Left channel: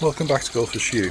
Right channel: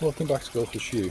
Welcome back to Golfers Shoe.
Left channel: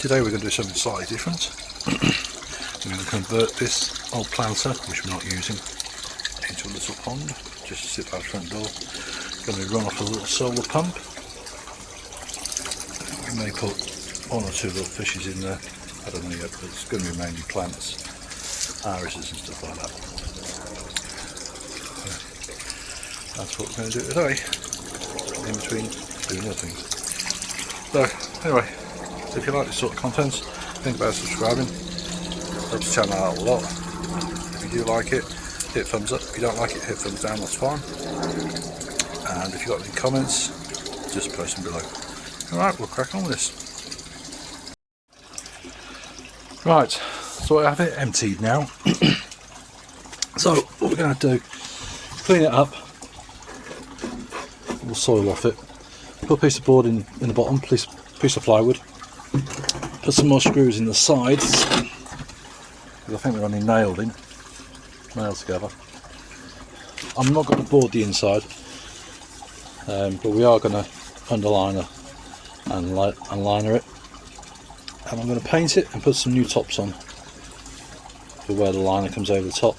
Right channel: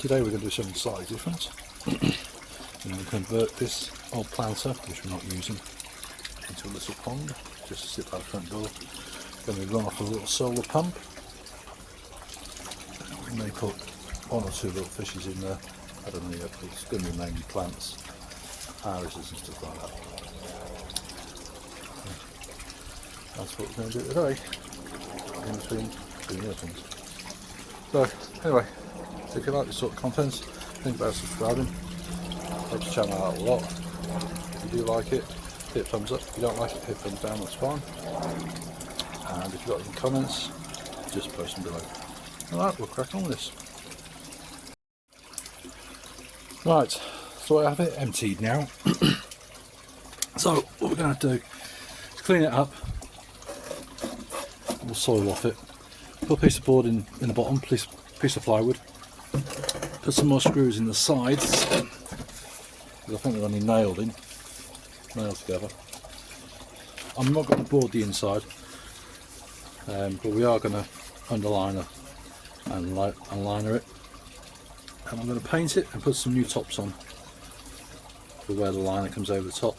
Today we're going to do something slightly different. We're going to convert this old planter, which we're not using, into a little pond, just to sit by the front door. Going to run off a little solar pump. We may put one or two little fishes in there, I don't know yet, but it's going to be mainly plants, irises and stuff like that. So that's what we're going to do today, in between doing other things. So anyway, if you like this sort of content, think about subscribing. Helps the channel out a lot. If you do like it, hit thumbs up. If you don't like it, hit thumbs down, that's fine. And if you've got any comments, just post them below. Alright, we'll crack on with this. Right, so I have it emptied now. So what we're going to do, clean it up, we'll soil off it, put a piece of board in the bottom, piece of plywood, put some more screws in the sides, because I think they're only nailed together. I'm not going to board the inside, but we are going to underliner and liner it, and I'm going to paint it and put some new tops on for where the liner comes over the top.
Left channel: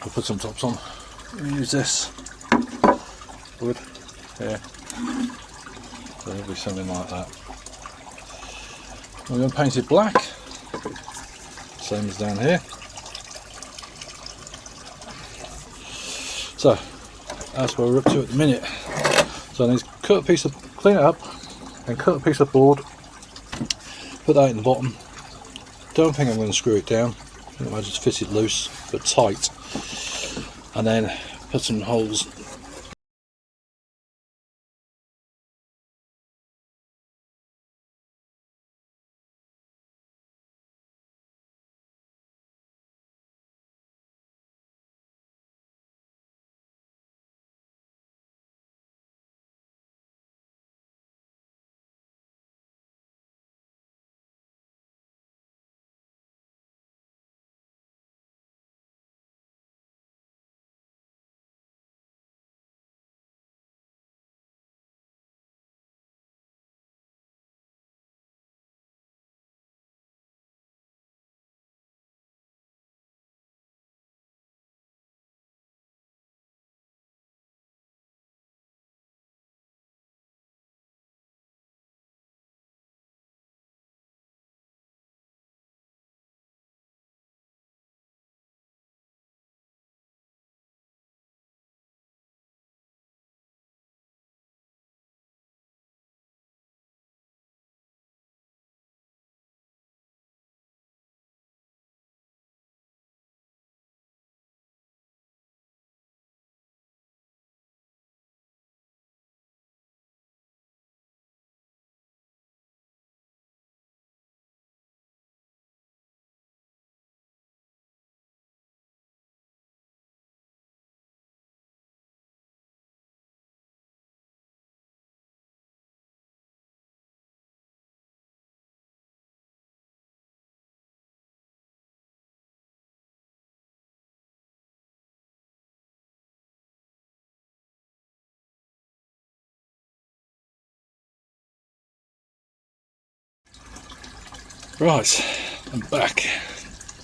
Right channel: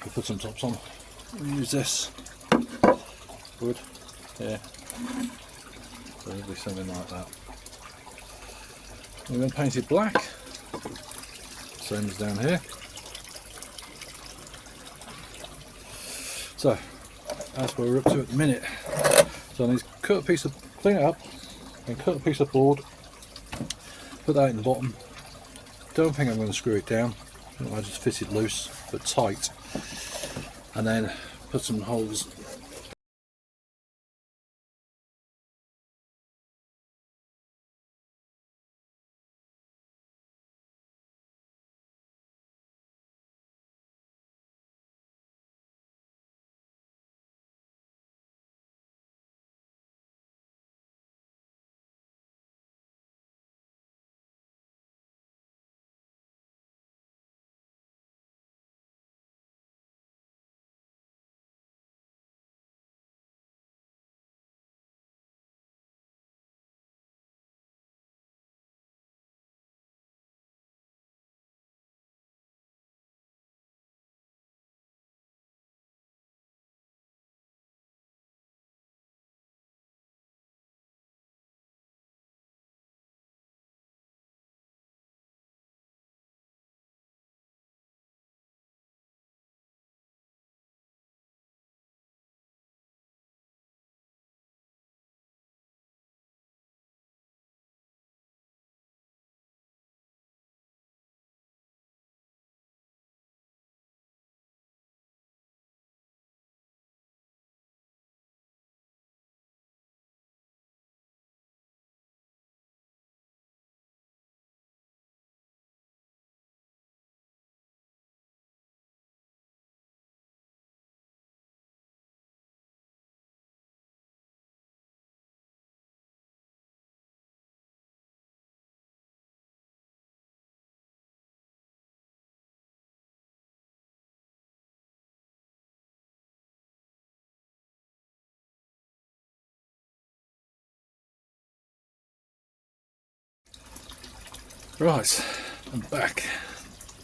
I'll put some tops on. Use this wood here. So it'll be something like that. I'm going to paint it black, same as down here. So that's where we're up to at the minute. So I need to clean it up and cut a piece of board, put that in the bottom. Don't think I'm going to screw it down, I just fit it loose but tight, and then put some holes. Right, I'm back.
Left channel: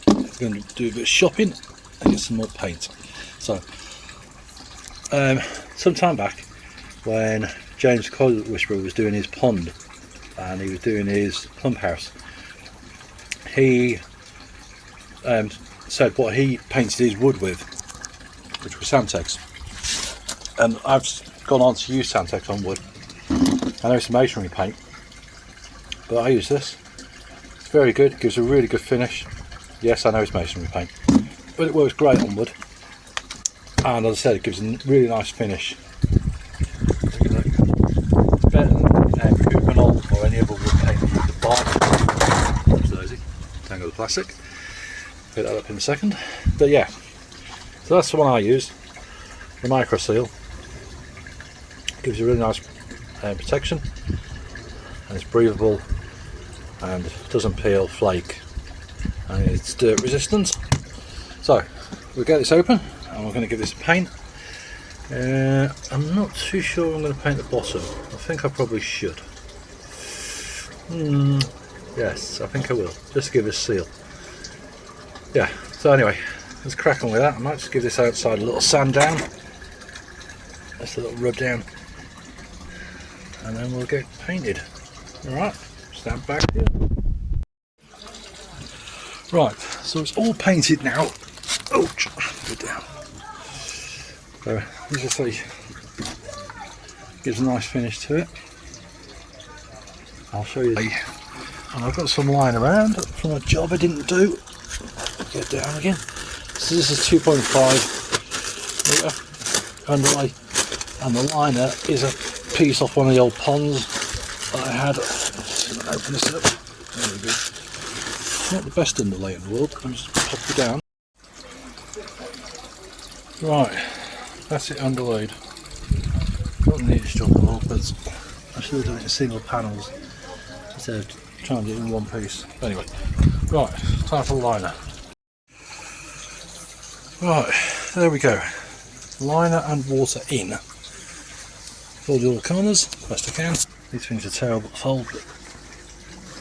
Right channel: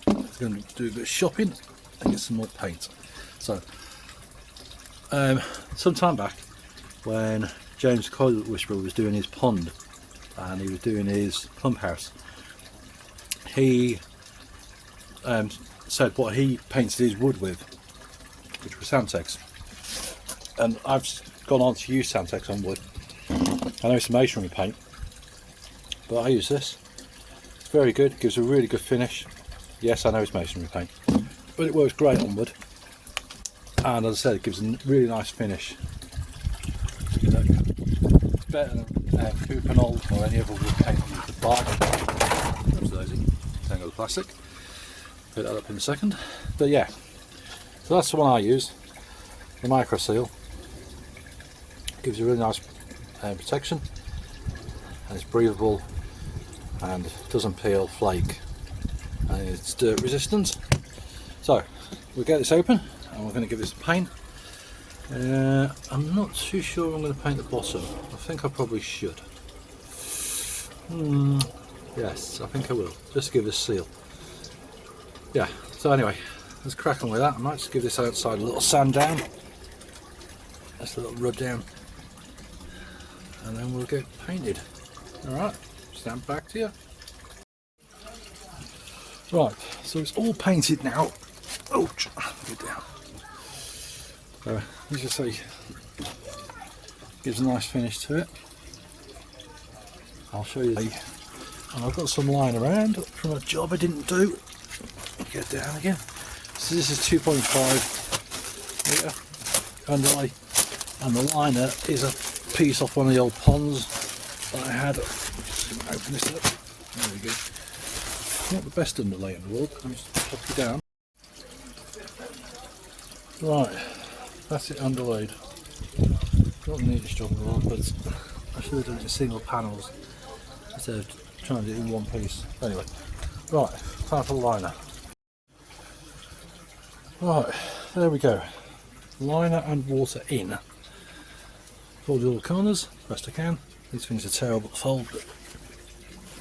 I'm going to do a bit of shopping and get some more paint. So, some time back when James Code Whisperer was doing his pond and he was doing his pump house, he said what he painted his wood with, which was Sandtex. And I've gone on to use Sandtex on wood. I know it's a masonry paint, but I use this. Very good, gives a really good finish. Yes, I know it's masonry paint, but it works great on wood, and as I said, it gives a really nice finish. Better than Cupinol or any other wood paint you could buy. That's easy. Tangle the plastic. Put that up in a second. But yeah, so that's the one I use, the Micro Seal. Gives you really nice protection, and it's breathable and doesn't peel, flake, and it's dirt resistant. So we'll get this open and we're going to give this a paint. I'm not too sure I'm going to paint the bottom. I think I probably should. Yes, I think I will, just to give it a seal. Yeah, so anyway, let's crack on with that. I might just give this outside a little sand down, just a little rub down, and then we'll get painted. Alright, stand back to you. Right, so it's all painted now. Ouch, go down. So, as you see, gives a nice finish to it. I'll show you. And I've got some lying around from a job I didn't do. Get down again. So this is 2.5 metre underlay, and the liner is a piece off one of the old ponds that I had. Just gonna open this up. There we go. Not the best underlay in the world. Let me just pop it down. Right, that's it underlaid. Not the neatest job in the world, but I should have done it in single panels instead of trying to do it in one piece. But anyway, right, time for the liner. Right, there we go. Liner and water in. Fold all the corners best I can. These things are terrible to fold.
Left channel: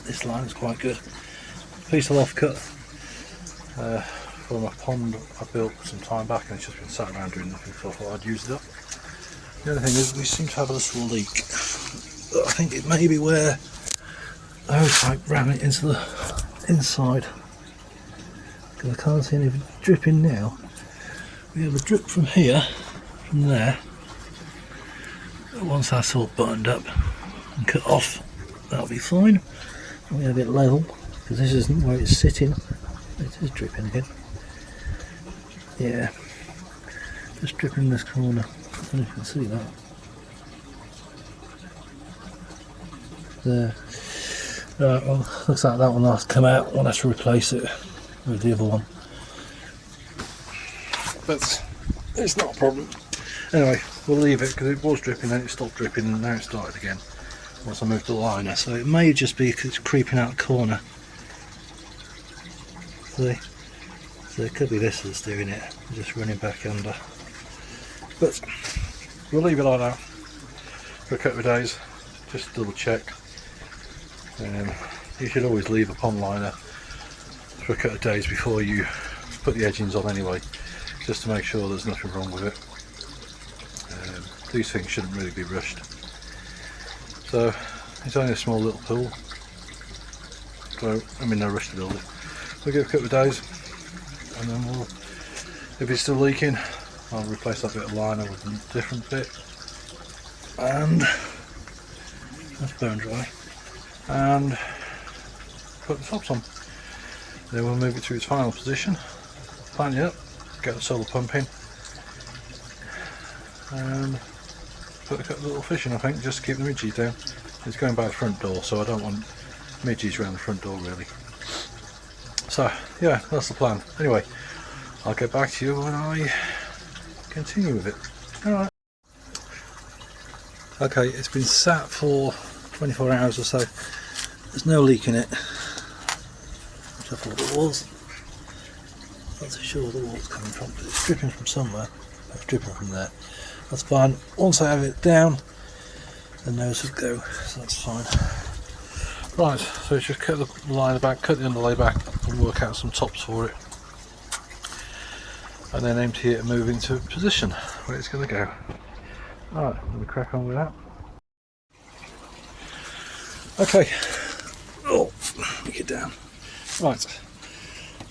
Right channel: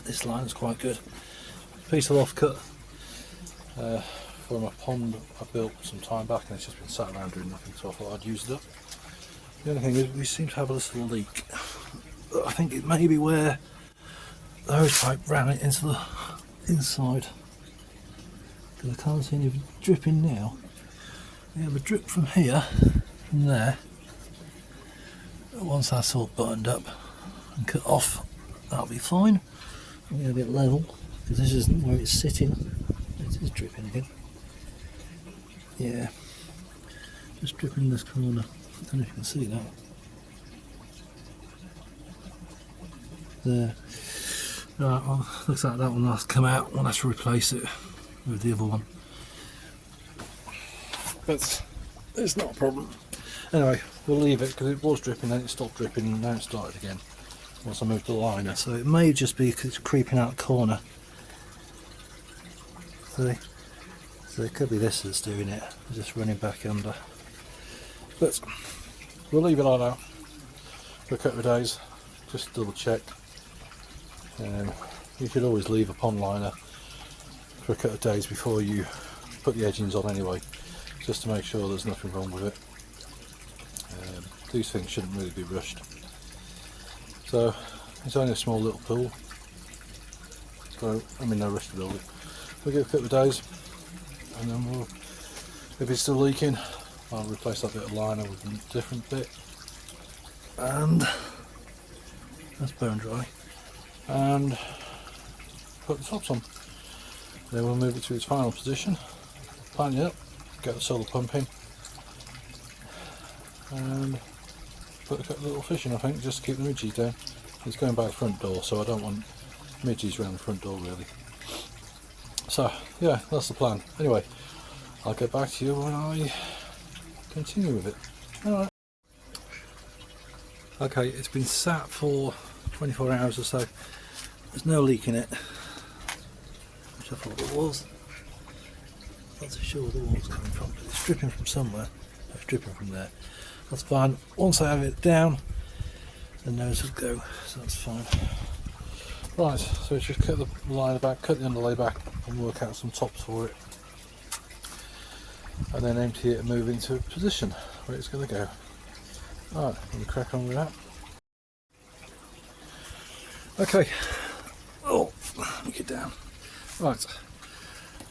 This line is quite good. Piece of offcut from a pond I built some time back, and it's just been sat around doing nothing, so I thought I'd use it up. The other thing is we seem to have a little leak. I think it may be where the hose pipe ran it into the inside, because I can't see any dripping now. We have a drip from here, from there. Once that's all buttoned up and cut off, that'll be fine. And we have it level, because this isn't where it's sitting. It is dripping again. Yeah, just dripping this corner. I don't know if you can see that. There. Right, well, looks like that one has come out. We'll have to replace it with the other one. But it's not a problem. Anyway, we'll leave it because it was dripping and it stopped dripping and now it started again once I moved the liner. So it may just be because it's creeping out the corner. See? So it could be this that's doing it, just running back under. But we'll leave it like that for a couple of days, just to double check. You should always leave a pond liner for a couple of days before you put the edgings on anyway, just to make sure there's nothing wrong with it. These things shouldn't really be rushed. So it's only a small little pool, so I'm in no rush to build it. We'll give it a couple of days, and then we'll, if it's still leaking, I'll replace that bit of liner with a different bit, and that's bone dry, and put the tops on. Then we'll move it to its final position, plant it up, get the solar pump in, and put a couple of little fish in, I think, just to keep the midges down. It's going by the front door, so I don't want midges around the front door really. So yeah, that's the plan. Anyway, I'll get back to you when I continue with it. Alright. Okay, it's been sat for 24 hours or so. There's no leak in it, which I thought it was. Not so sure where the water's coming from, but it's dripping from somewhere. It's dripping from there. That's fine. Once I have it down, the nose will go, so that's fine. Right, so just cut the liner back, cut the underlay back, and work out some tops for it. And then empty it and move into a position where it's going to go. Alright, let me crack on with that. Okay. Oh, let me get down. Right,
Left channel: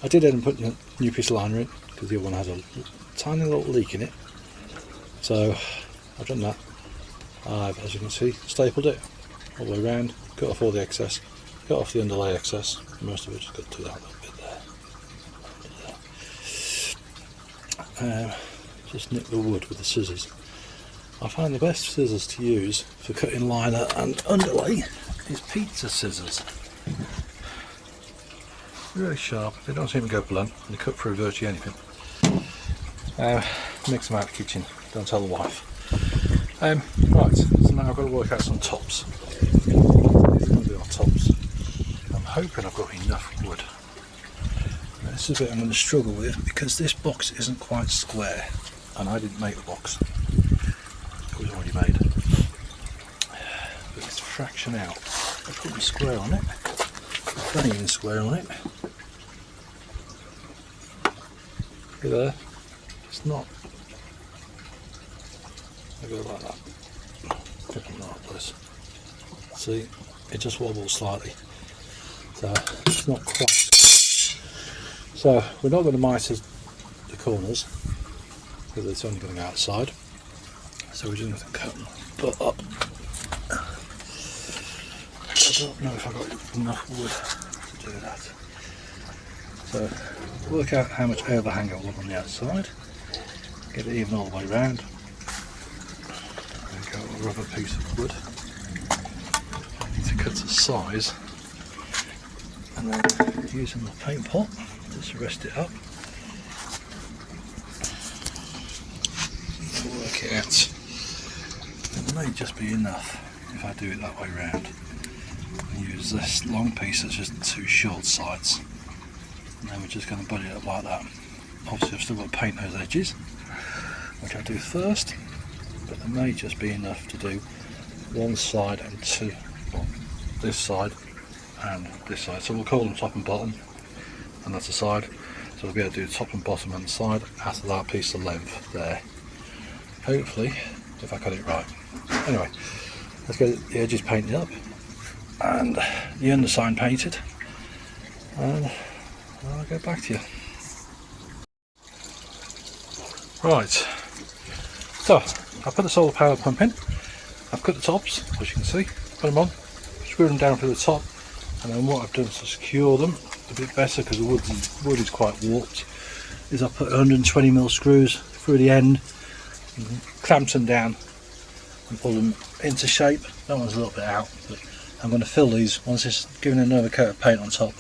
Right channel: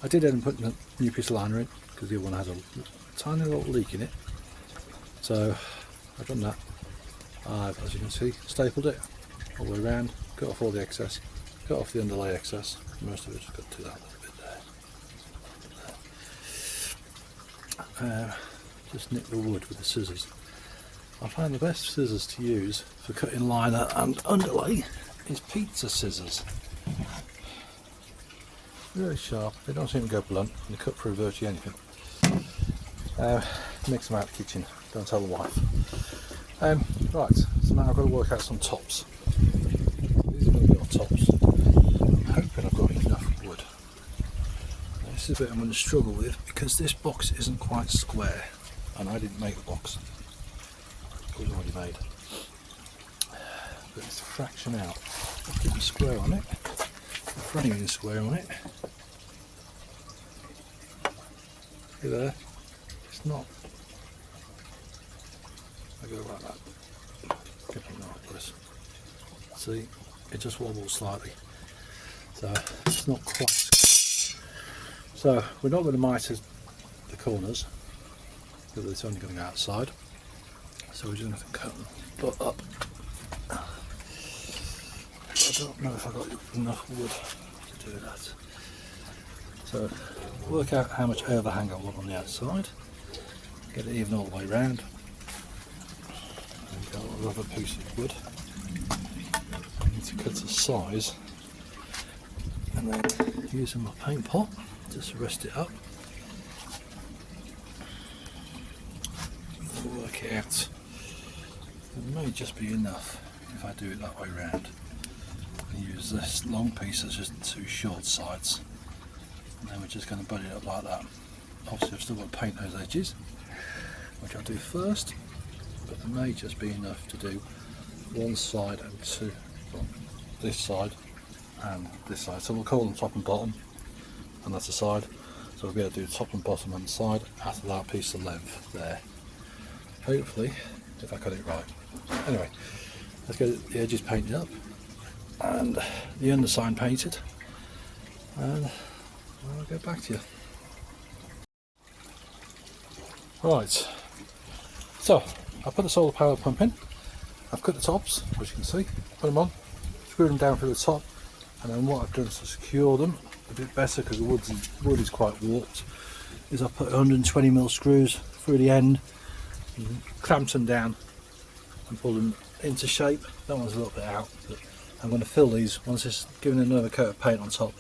I did end up putting a new piece of liner in, because the other one has a tiny little leak in it. So I've done that. I've, as you can see, stapled it all the way around, cut off all the excess, cut off the underlay excess, most of it just got to that little bit there. Just nip the wood with the scissors. I find the best scissors to use for cutting liner and underlay is pizza scissors. Really sharp, they don't seem to go blunt, and you cut through virtually anything. Mix them out of the kitchen, don't tell the wife. Right, so now I've got to work out some tops. These are little tops. I'm hoping I've got enough wood. Now, this is a bit I'm going to struggle with because this box isn't quite square, and I didn't make the box. It was already made. But it's fraction out. put my square on it. Not even square on it. See there? It's not. I go like that. Different like this. See, it just wobbles slightly. So it's not quite. So we're not going to mitre the corners because it's only going to go outside. So we're just going to cut them up. I don't know if I've got enough wood to do that. So work out how much overhang I want on the outside. Get it even all the way round. There we go, a rubber piece of wood. I need to cut the size. And then using my paint pot, just rest it up. Work it out. It may just be enough if I do it that way round. And use this long piece as just two short sides. And then we're just going to butt it up like that. Obviously I've still got to paint those edges, which I'll do first, but there may just be enough to do one side and two, this side and this side. So we'll call them top and bottom, and that's the side. So we'll be able to do the top and bottom and the side after that piece of length there. Hopefully, if I cut it right. Anyway, let's get the edges painted up and the underside painted, and I'll get back to you. Right, so I put the solar power pump in. I've cut the tops, as you can see, put them on, screw them down to the top, and then what I've done to secure them a bit better, because the wood is quite warped, is I put 120mm screws through the end, clamped them down and pull them into shape. That one's a little bit out, but I'm going to fill these once it's given another coat of paint on top,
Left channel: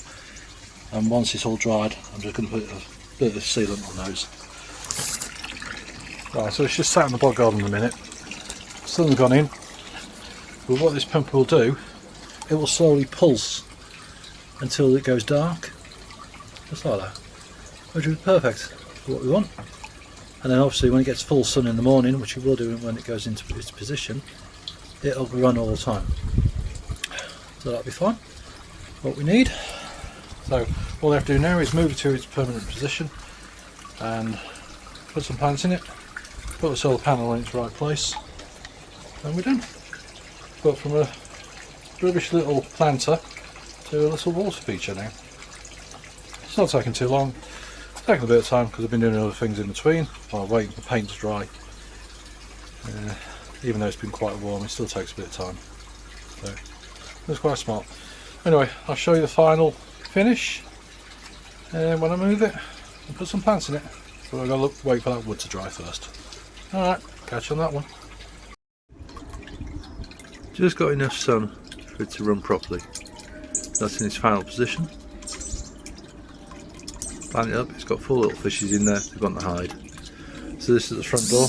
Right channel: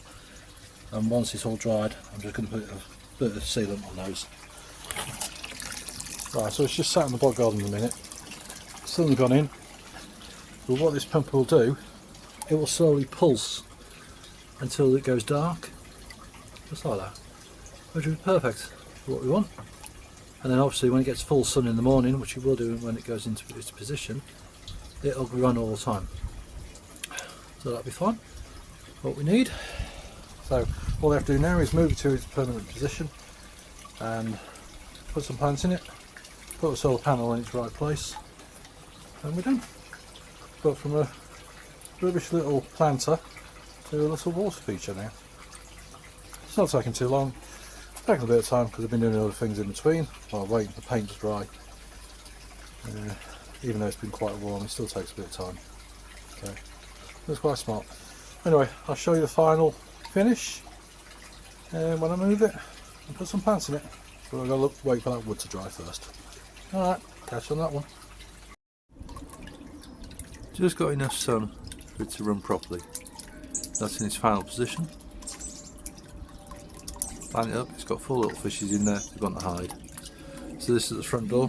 and once it's all dried I'm just going to put a bit of sealant on those. Right, so it's just sat in the bog garden a minute, sun's gone in, but what this pump will do, it will slowly pulse until it goes dark, just like that, which is perfect for what we want. And then obviously when it gets full sun in the morning, which it will do when it goes into its position, it'll run all the time. So that'll be fine, what we need. So all I have to do now is move it to its permanent position and put some plants in it, put a solar panel in its right place, and we're done. But from a rubbish little planter to a little water feature now. It's not taking too long, it's taking a bit of time because I've been doing other things in between while waiting for the paint to dry. Even though it's been quite warm, it still takes a bit of time. So that's quite smart. Anyway, I'll show you the final finish when I move it and put some plants in it. But I've got to wait for that wood to dry first. Alright, catch you on that one. Just got enough sun for it to run properly. That's in its final position. Plant it up, it's got 4 little fishes in there, they've got to hide. So this is the front door.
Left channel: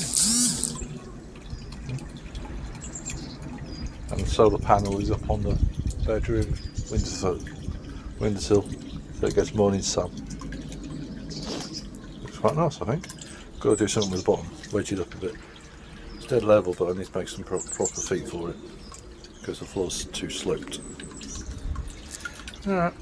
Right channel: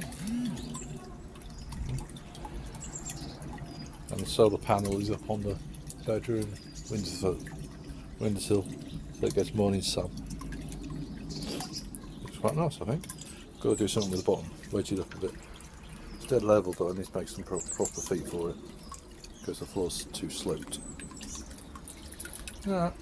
And the solar panel is up on the bedroom windowsill, so it gets morning sun. Looks quite nice, I think. Got to do something with the bottom, wedge it up a bit. It's dead level, but I need to make some proper feet for it because the floor's too sloped. Alright.